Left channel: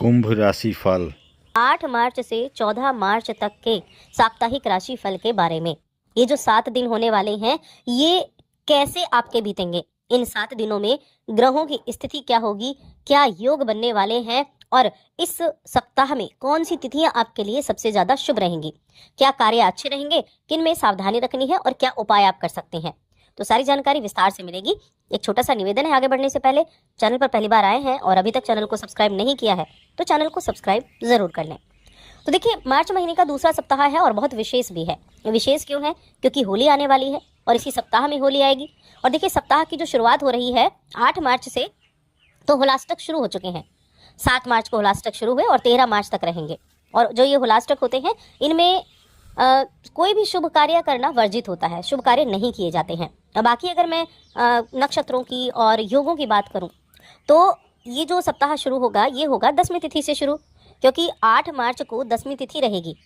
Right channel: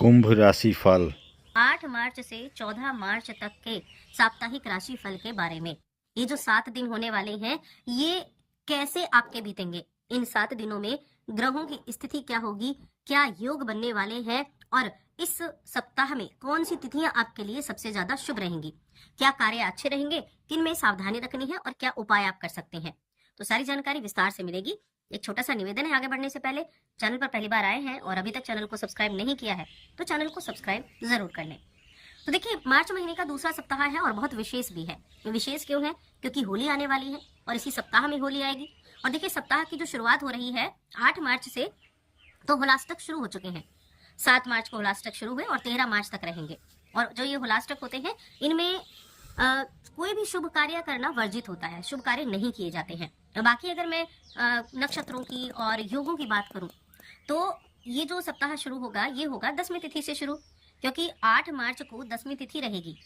कुंभ राशि फल 8 मार्च से 14 मार्च तक के साप्ताहिक राशि फल के बारे में। ये जो 7 दिन होने वाले हैं, ये कैसे आपके बीतेंगे, इन 7 दिनों में ग्रहों की स्थिति क्या होगी, क्या योग बनने वाले हैं और इस सप्ताह में कौन सी तिथियां आपके लिए सबसे ज्यादा शुभ रहेंगी, क्या कार्य अच्छे रहेंगे, किन में सावधानी रखनी है और क्या उपाय आप कर सकते हैं, तो सारी जानकारी विस्तार से मिलेगी। एक छोटा सा निवेदन है, आगे बढ़ने से पहले चैनल पर पहली बार आए हैं और अभी तक चैनल को सब्सक्राइब नहीं किया है तो चैनल को सब्सक्राइब जरूर कर लें। तो देखिए, मार्च महीने का दूसरा सप्ताह है और बहुत विशेष भी है। विशेष क्यों है? क्योंकि होली आने वाली है और इसी सप्ताह में होली आएगी। और देखिए, सप्ताह की जो शुरुआत हो रही है 8 मार्च से, तो होलाष्टक शुरू हो चुके हैं। 7 मार्च को होलाष्टक शुरू हुए और 13 मार्च तक रहेंगे। और जो ये होलाष्टक होते हैं, इनमें कोई भी शुभ कार्य करना वर्जित होता है, शुभ कार्य नहीं किए जाते हैं। बाकी अगर मैं नक्षत्रों की और योगों की बात करूं, तो ये जो सप्ताह शुरू होगा, ये होगा 10वीं तिथि से शुरू, क्योंकि 8 मार्च को 10वीं तिथि रहेगी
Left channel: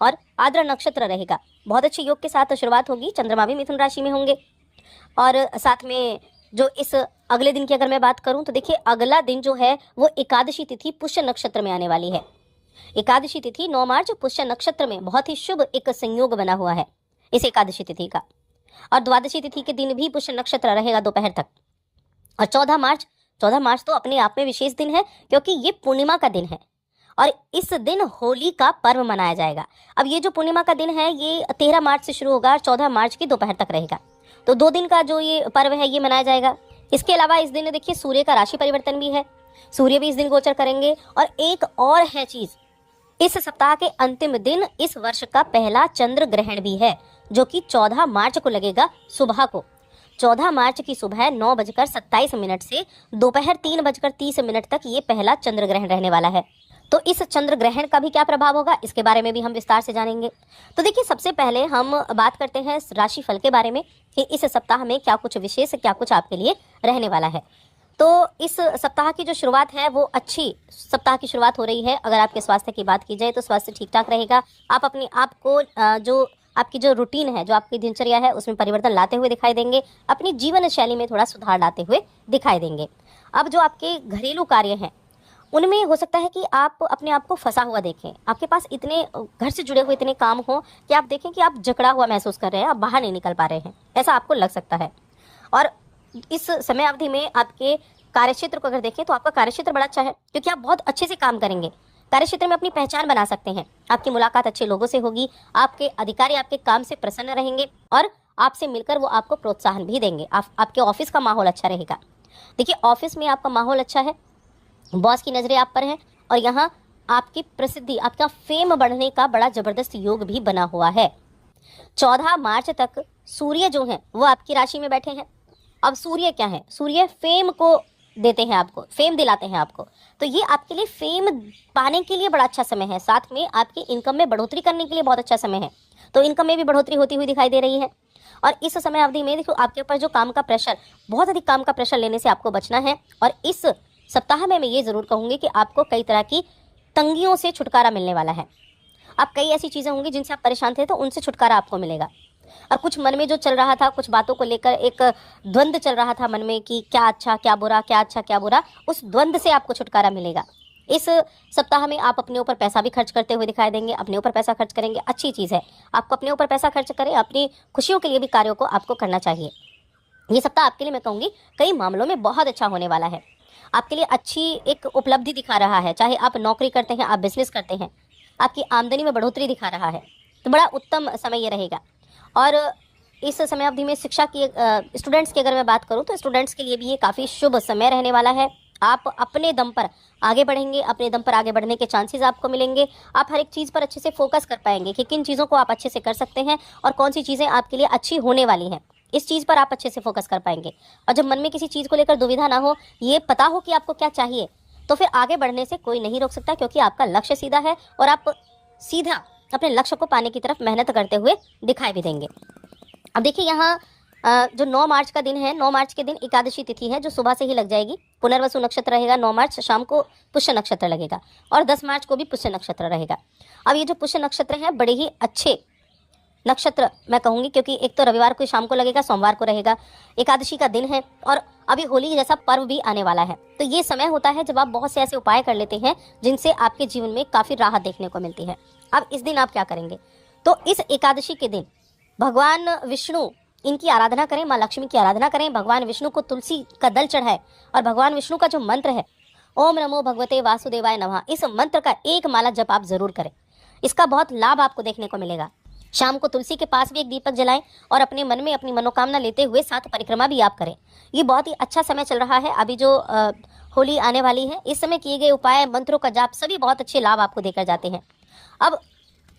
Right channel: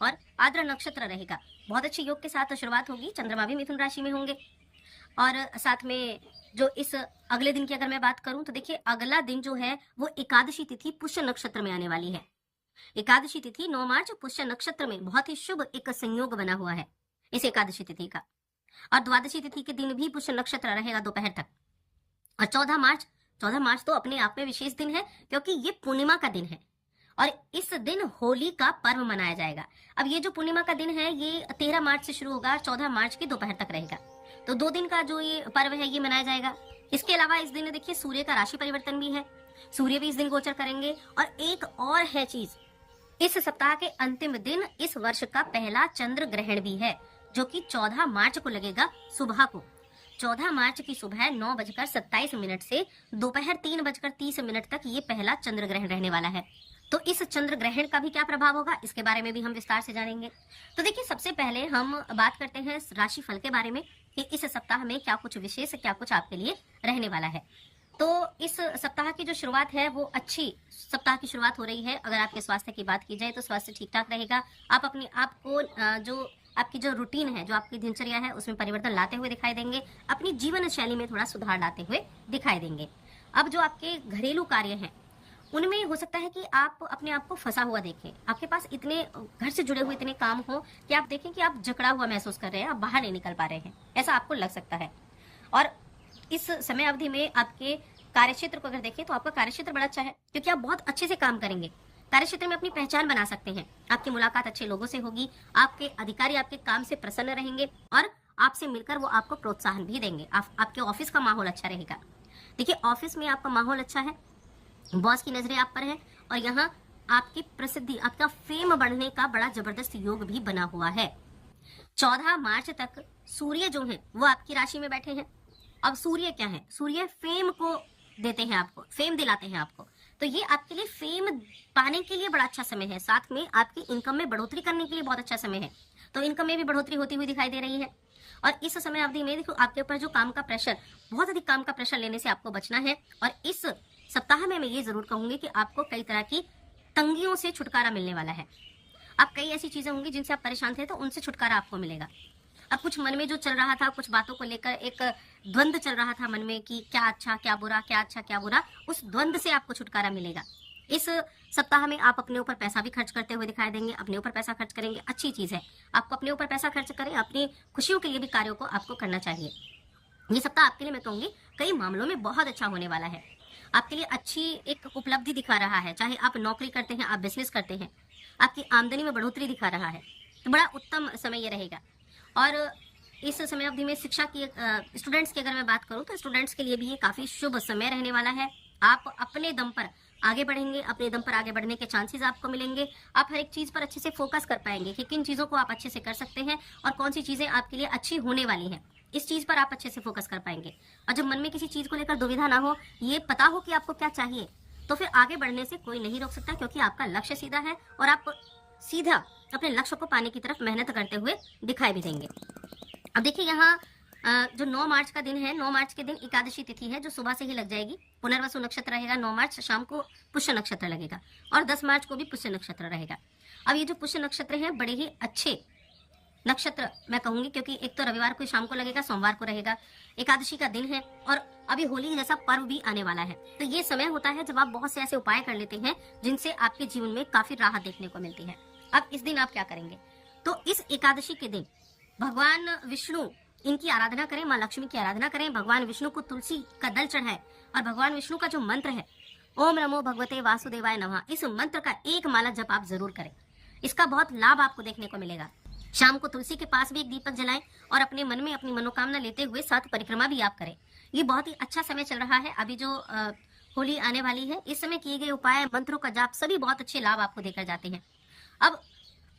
और आद्र नक्षत्र रहेगा। बहुत अच्छे योग के साथ शुरुआत होगी। चंद्रमा भी मिथुन राशि में होंगे और साथ में जो इस अगले दिन की अगर मैं बात करूं, तो देखिए, अगला दिन जो है वो एकादशी तिथि पुष्य नक्षत्र में आने वाली है। एकादशी तिथि 9 मार्च पुष्य नक्षत्र में बहुत ही शुभ एक संयोग बना हुआ है इस एकादशी तिथि का। और द्वादशी तिथि के दिन भी पुष्य नक्षत्र रहेगा दोपहर तक। और 14 मार्च तो अपने आप में विशेष दिन है, क्योंकि ये पूर्णिमा का दिन है और इस दिन होली का पर्व मनाया जाएगा। अब ये जो पूर्णिमा का दिन है, ये 13 मार्च से शुरू होगा और 14 मार्च की दोपहर तक रहेगा। तो 2 दिन का जो ये पर्व है, ये मनाया जाएगा। इसके अलावा इस दिन देखिए, सूर्य का राशि परिवर्तन भी है। सूर्य भी इस दिन गोचर करेंगे। और एक और है चीज, इस सप्ताह के अंतिम दिन इस वर्ष का पहला चंद्र ग्रहण भी है, जो कि 14 मार्च को लगेगा सुबह को। 14 मार्च की सुबह 9:27 से दोपहर 3:30 तक ये पहला चंद्र ग्रहण रहने वाला है। तो इस चंद्र ग्रहण का भी क्या प्रभाव होगा, इसके बारे में भी हम विस्तार से जानेंगे। तो देखिए, सबसे पहले हम बात करते हैं राशि फल के बारे में कि इस सप्ताह में क्या कुछ विशेष, क्या कुछ आपके लिए रहने वाला है। तो इस सप्ताह की जो शुरुआत है, वो अच्छी सप्ताह की शुरुआत हो रही है। अगर आपके स्वास्थ्य की बात की जाए तो स्वास्थ्य ठीक ठाक रहेगा। आप अपने आप को जो आपकी जो रूटीन है, जो आपकी दिनचर्या है, उसमें परिवर्तन लाते हुए दिखाई देंगे। अपनी जीवन शैली में थोड़ा सुधार लाते हुए दिखाई देंगे। अब जो आपके घरेलू कार्य हैं, उनमें हो सकता है कि आप अपने आप को फंसा हुआ देखें। आपके पास इतने घर से जुड़े हुए इतने काम हो कि आप देखें कि आप जकड़ा हुआ महसूस कर रहे हैं, आप बाहर नहीं निकल पा रहे हैं, ऐसा आपको लग सकता है। और इस समय अवधि में आपके कार्यक्षेत्र को अगर देखें, तो आपका कार्यक्षेत्र बड़ा अच्छा है, क्योंकि आप बहुत अच्छे से काम करेंगे। कार्यक्षेत्र में अपनी पहचान बना सकते हैं। आपकी मुलाकात अच्छे लोगों से होगी। आपके अधिकारी आपके काम से प्रसन्न रहेंगे और आपसे मिलकर वो आपको प्रोत्साहन भी देंगे। आपके ऑफिस का माहौल अच्छा रहेगा। देखिए, ऑफिस में आपका माहौल अच्छा है, बॉस की नजरें आप पर हैं और यहाँ आपकी प्रसिद्धि, आपका फेम बढ़ने का बड़ा जबरदस्त योग भी बना हुआ है। 14 मार्च तक सूर्य जो है वो आपकी राशि में बैठे हैं। अब सूर्य क्या है? सूर्य फेम को देते हैं, आपको फेम दिलाते हैं आपको। तो ये आपके लिए फेम पाने के लिए बड़ा अच्छा समय है। साथ में आपकी इनकम में बढ़ोतरी करने के लिए बहुत अच्छा समय है। तो इनकम में भी बढ़ोतरी होती हुई दिखाई दे रही है। और इस समय अवधि में देखो, आपके ऊपर जो काम का प्रेशर, बहुत अधिक काम का प्रेशर लेने से आपको बचना है। और इस सप्ताह में मैं ये जरूर कहूंगी कि आपको कई तरह की तंगियों से छुटकारा मिलने वाला है। आप कई ऐसी चीजें होंगी जिनसे आप परेशान थे, तो उनसे छुटकारा आपको मिलेगा। और कुछ मन में जो चल रहा था, कुछ बातों को लेकर एक द्वंद्व चल रहा था मन में कि क्या अच्छा क्या बुरा, क्या अच्छा क्या बुरा, उस द्वंद्व से आपको छुटकारा मिलेगा। इस सप्ताह में आप अपने ऊपर पैसा भी खर्च करते हुए दिखाई देंगे। अपने ऊपर पैसा खर्च करेंगे, अच्छी चीज है। आपको अपने ऊपर पैसा खर्च करें, अपनी खुशियों के लिए भी कार्यों को आपको करना चाहिए। ये सप्ताह आपके लिए मैं कहूंगी कई मामलों में बहुत अच्छा होने वाला है। आपके लिए अच्छी एक उपलब्धि दिखा रहा है। चाहे आप नौकरी करते हैं, आप बिजनेस करते हैं, आपकी आमदनी में बढ़ोतरी दिखा रहा है, तो बड़ा उत्तम समय ये रहेगा। और इस समय अवधि में शिक्षा की स्टूडेंट्स की अगर मैं बात करूं, तो स्टूडेंट्स के लिए भी ये काफ़ी शुभ समय रहने वाला है। आप अपने दम पर आगे बढ़ेंगे, अपने दम पर आगे बढ़ने के चांसेस आपको मिलेंगे। आप हर एक चीज़ पर अच्छे से फोकस कर पाएंगे कि किन चीज़ों को आप अच्छे से कर सकते हैं और कौन सी चीज़ें आपके लिए अच्छी होने वाली हैं। इस चीज़ पर आप अच्छे से फोकस कर पाएंगे। और जब मन में किसी चीज़ को लेकर दुविधा ना हो, ये पता हो कि आपको क्या चाहिए, तो फिर आगे बढ़ने से कोई नहीं रोक सकता, क्योंकि आपका लक्ष्य सीधा है और आप सीधा अपने लक्ष्य को पाने की तरफ मेहनत करते हुए दिखाई भी देंगे। अब देखिए, यहाँ जो 9 मार्च का दिन है, 9 मार्च के दिन एकादशी तिथि है, जो सुबह से ही लग जाएगी। पुनर्वसु नक्षत्र रहेगा। 9 मार्च शाम को पुष्य नक्षत्र लगेगा और 10 मार्च को भी पुष्य नक्षत्र रहेगा। अब ये जो पुष्य नक्षत्र है, बड़े ही अच्छे नक्षत्र मैं कहूंगी, क्योंकि एक तो रविवार को शाम को लगेगा, सोमवार को रहेगा, एकादशी का दिन है और अभी होली जैसा पर्व भी आने वाला है। तो ये समय होता है जब आप बहुत से ऐसे उपाय कर लेते हैं जिनसे आपके जीवन में काफी राहत देखने को मिलती है। अब इस दिन आप क्या करेंगे, तो इस एकादशी के दिन भगवान विष्णु इनकी आराधना करें, माँ लक्ष्मी की आराधना करें, भगवान विष्णु को तुलसी का दल चढ़ाए और भगवान विष्णु का जो मंत्र है ओम नमो भगवते वासुदेवाय नमः, इस मंत्र का एक माला जप आप जरूर करें। इसका बहुत लाभ आपको देखने को मिलेगा। शाम को तुलसी के पास भी एक दीपक जलाएं और अपने मन में अपनी मनोकामना लेते हुए साथ परिक्रमा भी आप करें। ये बहुत ही अच्छा समय चल रहा है, अभी जो होली आने वाली है, इस समय किए गए उपाय, मंत्रों का जाप सभी बहुत अच्छे लाभ आपको देकर जाते हैं। अब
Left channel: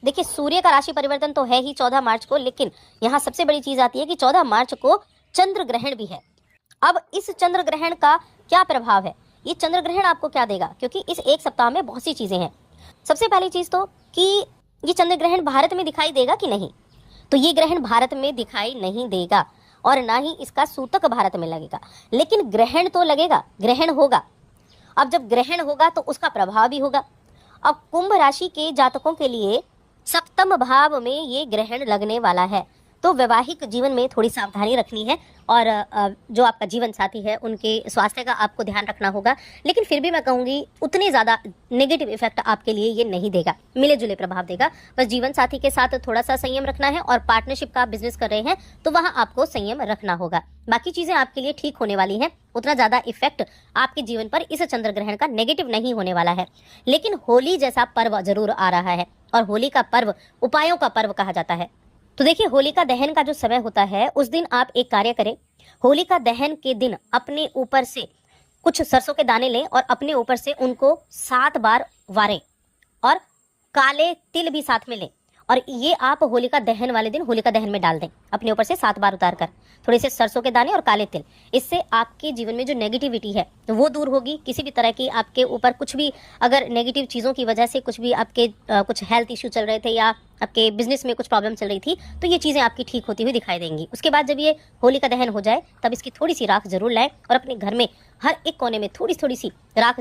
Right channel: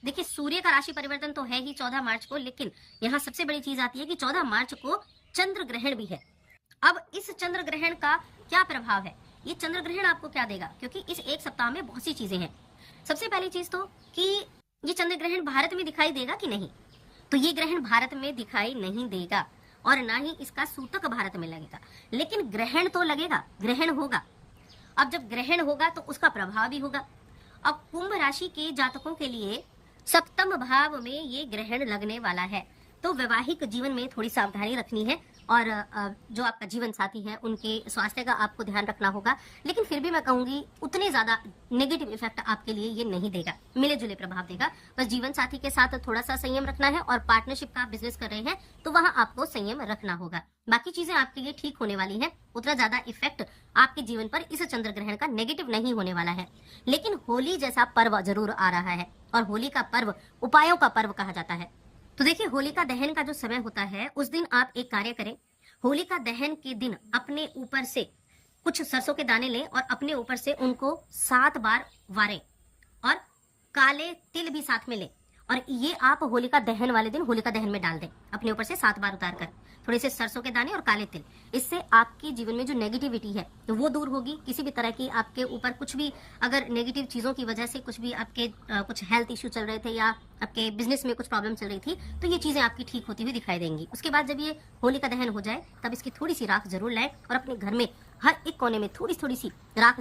देखिए, सूर्य का राशि परिवर्तन तो है ही 14 मार्च को, लेकिन यहाँ सबसे बड़ी चीज आती है कि 14 मार्च को चंद्र ग्रहण भी है। अब इस चंद्र ग्रहण का क्या प्रभाव है, ये चंद्र ग्रहण आपको क्या देगा, क्योंकि इस एक सप्ताह में बहुत सी चीजें हैं। सबसे पहली चीज तो कि ये चंद्र ग्रहण भारत में दिखाई देगा कि नहीं, तो ये ग्रहण भारत में दिखाई नहीं देगा और ना ही इसका सूतक भारत में लगेगा, लेकिन ग्रहण तो लगेगा, ग्रहण होगा। अब जब ग्रहण होगा तो उसका प्रभाव भी होगा। अब कुंभ राशि के जातकों के लिए सप्तम भाव में ये ग्रहण लगने वाला है, तो वैवाहिक जीवन में थोड़ी सावधानी रखनी है और जो आपका जीवन साथी है उनके स्वास्थ्य का आपको ध्यान रखना होगा। लेकिन फिर भी मैं कहूंगी उतने ज्यादा नेगेटिव इफेक्ट आपके लिए ये नहीं देगा, मिले जुले प्रभाव देगा। बस जीवन साथी के साथ थोड़ा सा संयम रखना है और पार्टनरशिप का आप बिजनेस कर रहे हैं तो वहां आपको संयम रखना होगा। बाकी चीजें आपके लिए ठीक होने वाली हैं, उतना ज्यादा इफेक्ट आपके जीवन पर इस चंद्र ग्रहण का नेगेटिव नहीं होने वाला है। लेकिन होली जैसा पर्व जरूर आ रहा है और होली का पर्व उपायों का पर्व कहा जाता है। तो देखिए, होलिका दहन का जो समय होता है उस दिन आप एक कार्य करें, होलिका दहन के दिन अपने ऊपर से कुछ सरसों के दाने लें और अपने ऊपर से उनको 7 बार वारें और काले तिल भी साथ में लें और ये आप होलिका दहन वाले दिन होलिका दहन में डाल दें, अपने ऊपर से 7 बार उतार कर थोड़े से सरसों के दाने और काले तिल। इससे आपके जीवन में जो नेगेटिविटी है वो दूर होगी। किसी भी तरह की आपके ऊपर कुछ भी अगर नेगेटिव चीज़ों की वजह से कुछ भी आपके कुछ हेल्थ इश्यू चल रहे थे या आपके बिजनेस में कुछ प्रॉब्लम चल रही थी तो ये चीज़ें आपकी ठीक होती हुई दिखाई देंगी। उसके बाद जब ये होलिका दहन हो जाए तब इसकी थोड़ी सी राख जरूर लाएं और अपने घर में हर एक कोने में थोड़ी थोड़ी सी राख